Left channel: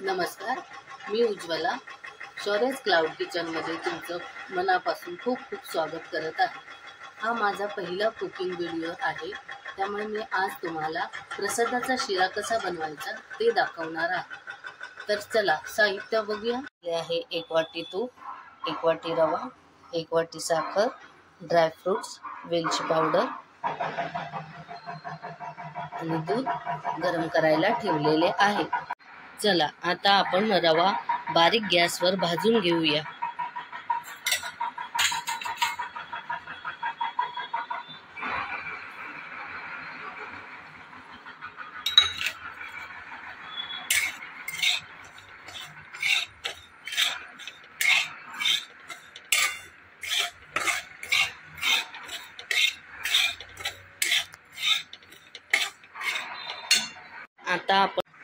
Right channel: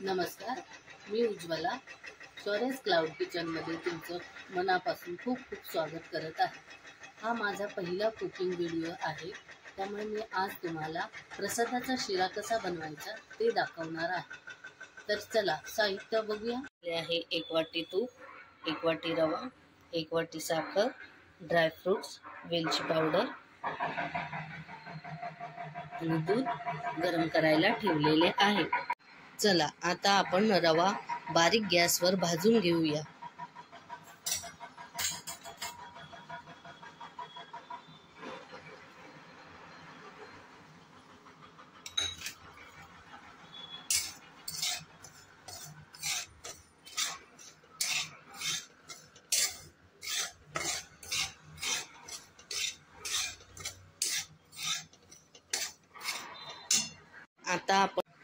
नमस्कार, मी उज्ज्वला शौर्यस क्लाउड किचनमध्ये तुमचं मनापासून खूप खूप स्वागत करत आहे। हा माझा पहिला कुकिंग व्हिडिओ आहे, त्यामुळे मी आज तुम्हाला प्रसादाचा शिरा कसा बनवायचा ते दाखवणार आहे। तर चला साहित्य बघूया। हे आहे 1 वाटी तूप, 1 वाटी रवा, 1 वाटी साखर, ड्रायफ्रुट्स, वेलची पावडर आणि दूध गरम करायला ठेवलेले आहे। चला आता आपण रवा बारीक गॅसवर भाजून घेऊया।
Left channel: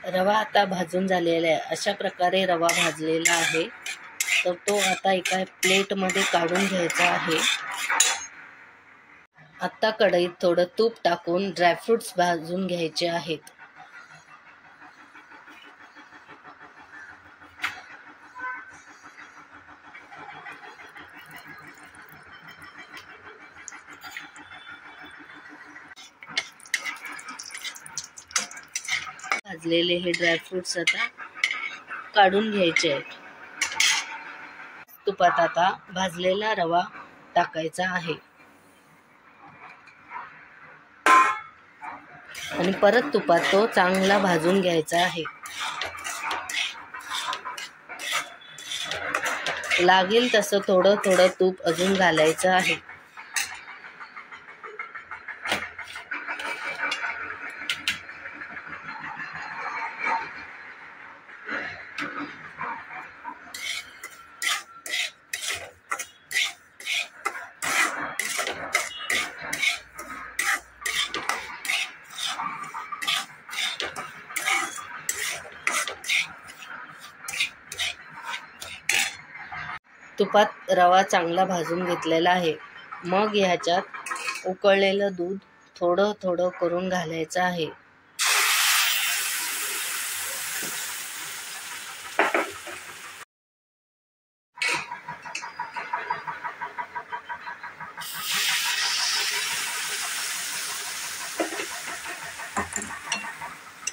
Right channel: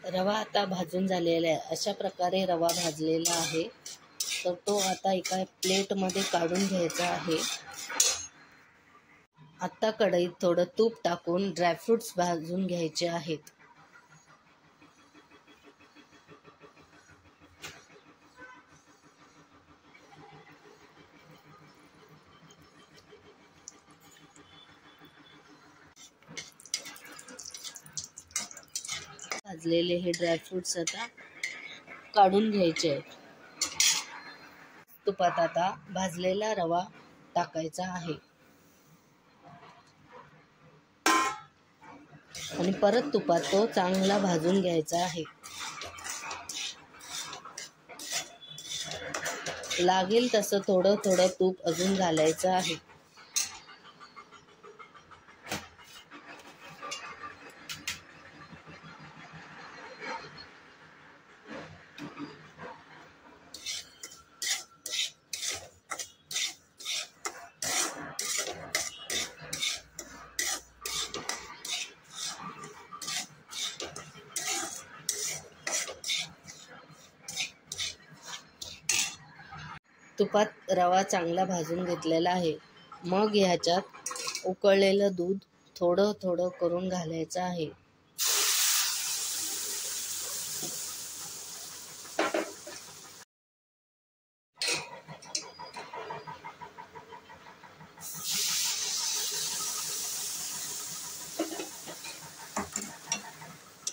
रवा आता भाजून झालेला आहे। अशा प्रकारे रवा भाजलेला आहे, तर तो आता एका प्लेटमध्ये काढून घ्यायचा आहे। आता कढईत थोडं तूप टाकून ड्रायफ्रुट्स भाजून घ्यायचे आहेत। भाजलेले हे ड्रायफ्रुट्स आता काढून घ्यायचे आहेत। तुपात आता भाजलेला रवा टाकायचा आहे आणि परत तुपात तो चांगला भाजून घ्यायचा आहे। लागेल तसं थोडं थोडं तूप अजून घालायचं आहे। तुपात रवा चांगला भाजून घेतलेला आहे। मग ह्याच्यात उकळलेलं दूध थोडं थोडं करून घालायचं आहे।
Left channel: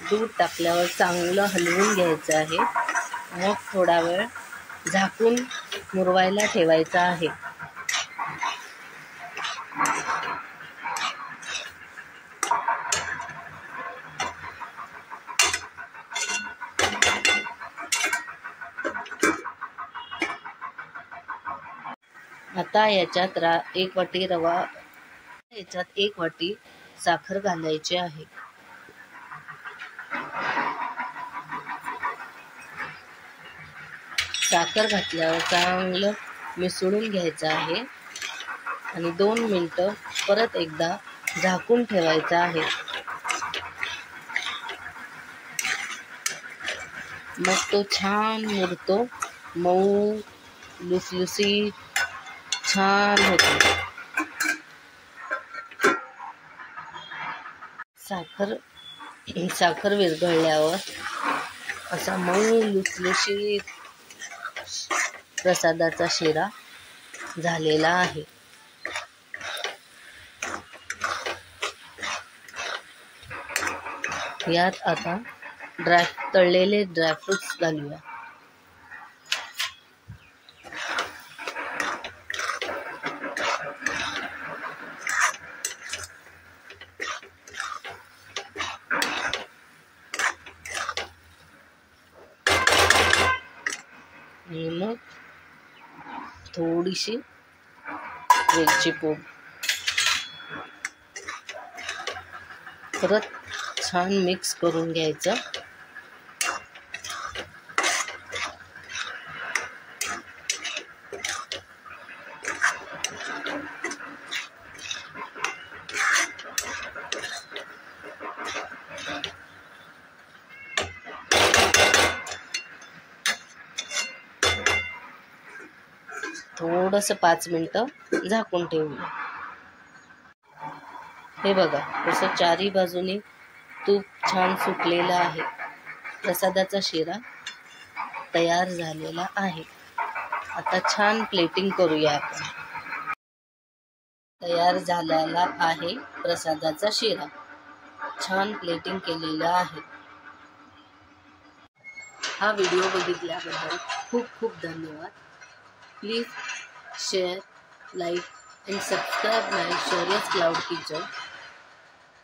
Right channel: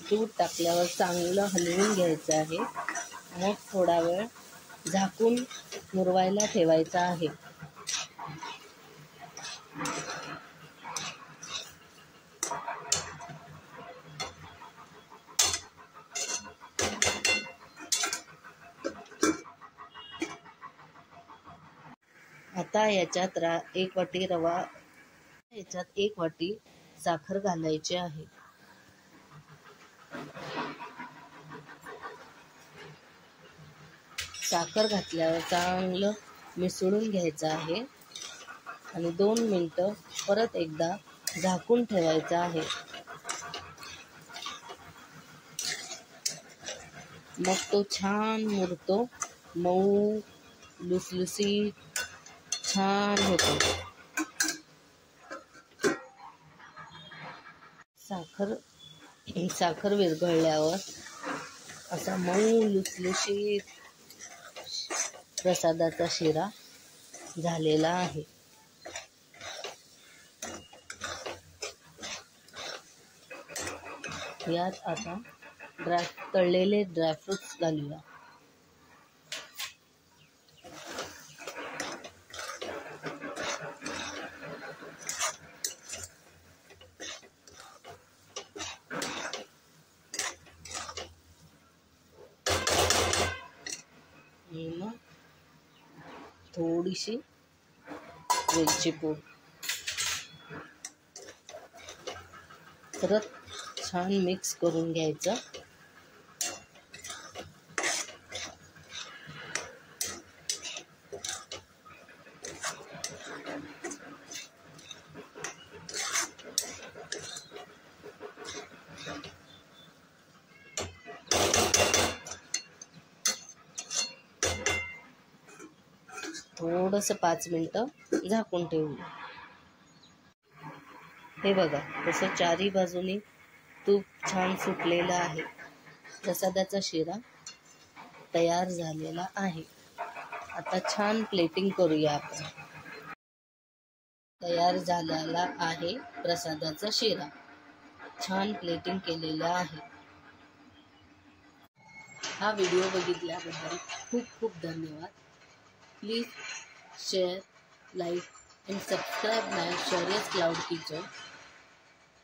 दूध टाकल्यावर चांगलं हलवून घ्यायचं आहे। मग थोडा वेळ झाकून मुरवायला ठेवायचा आहे। आता याच्यात 1 वाटी रवा, याच्यात 1 वाटी साखर घालायची आहे। साखर घातल्यावर चांगलं मिसळून घ्यायचं आहे आणि 2 मिनिटं परत एकदा झाकून ठेवायचं आहे। मग तो छान मुरतो, मऊ लुसलुसीत छान होतो। साखर विरघळल्यावर असा मऊ लुसलुसीत प्रसादाचा शिरा झालेला आहे। यात आता तळलेले ड्रायफ्रुट्स घालूया। मग थोडीशी वेलची पूड, परत छान मिक्स करून घ्यायचं। थोडंसं 5 मिनिटं झाकून ठेवूया। हे बघा, असं चारी बाजूने तूप छान सुकलेलं आहे। प्रसादाचा शिरा तयार झालेला आहे। आता छान प्लेटिंग करूया आपण। तयार झालेला आहे प्रसादाचा शिरा, छान प्लेटिंग केलेला आहे। हा व्हिडिओ बघितल्याबद्दल खूप खूप धन्यवाद। Please share, like and subscribe my Shaurya's Cloud Kitchen.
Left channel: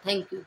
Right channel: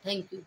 Thank you.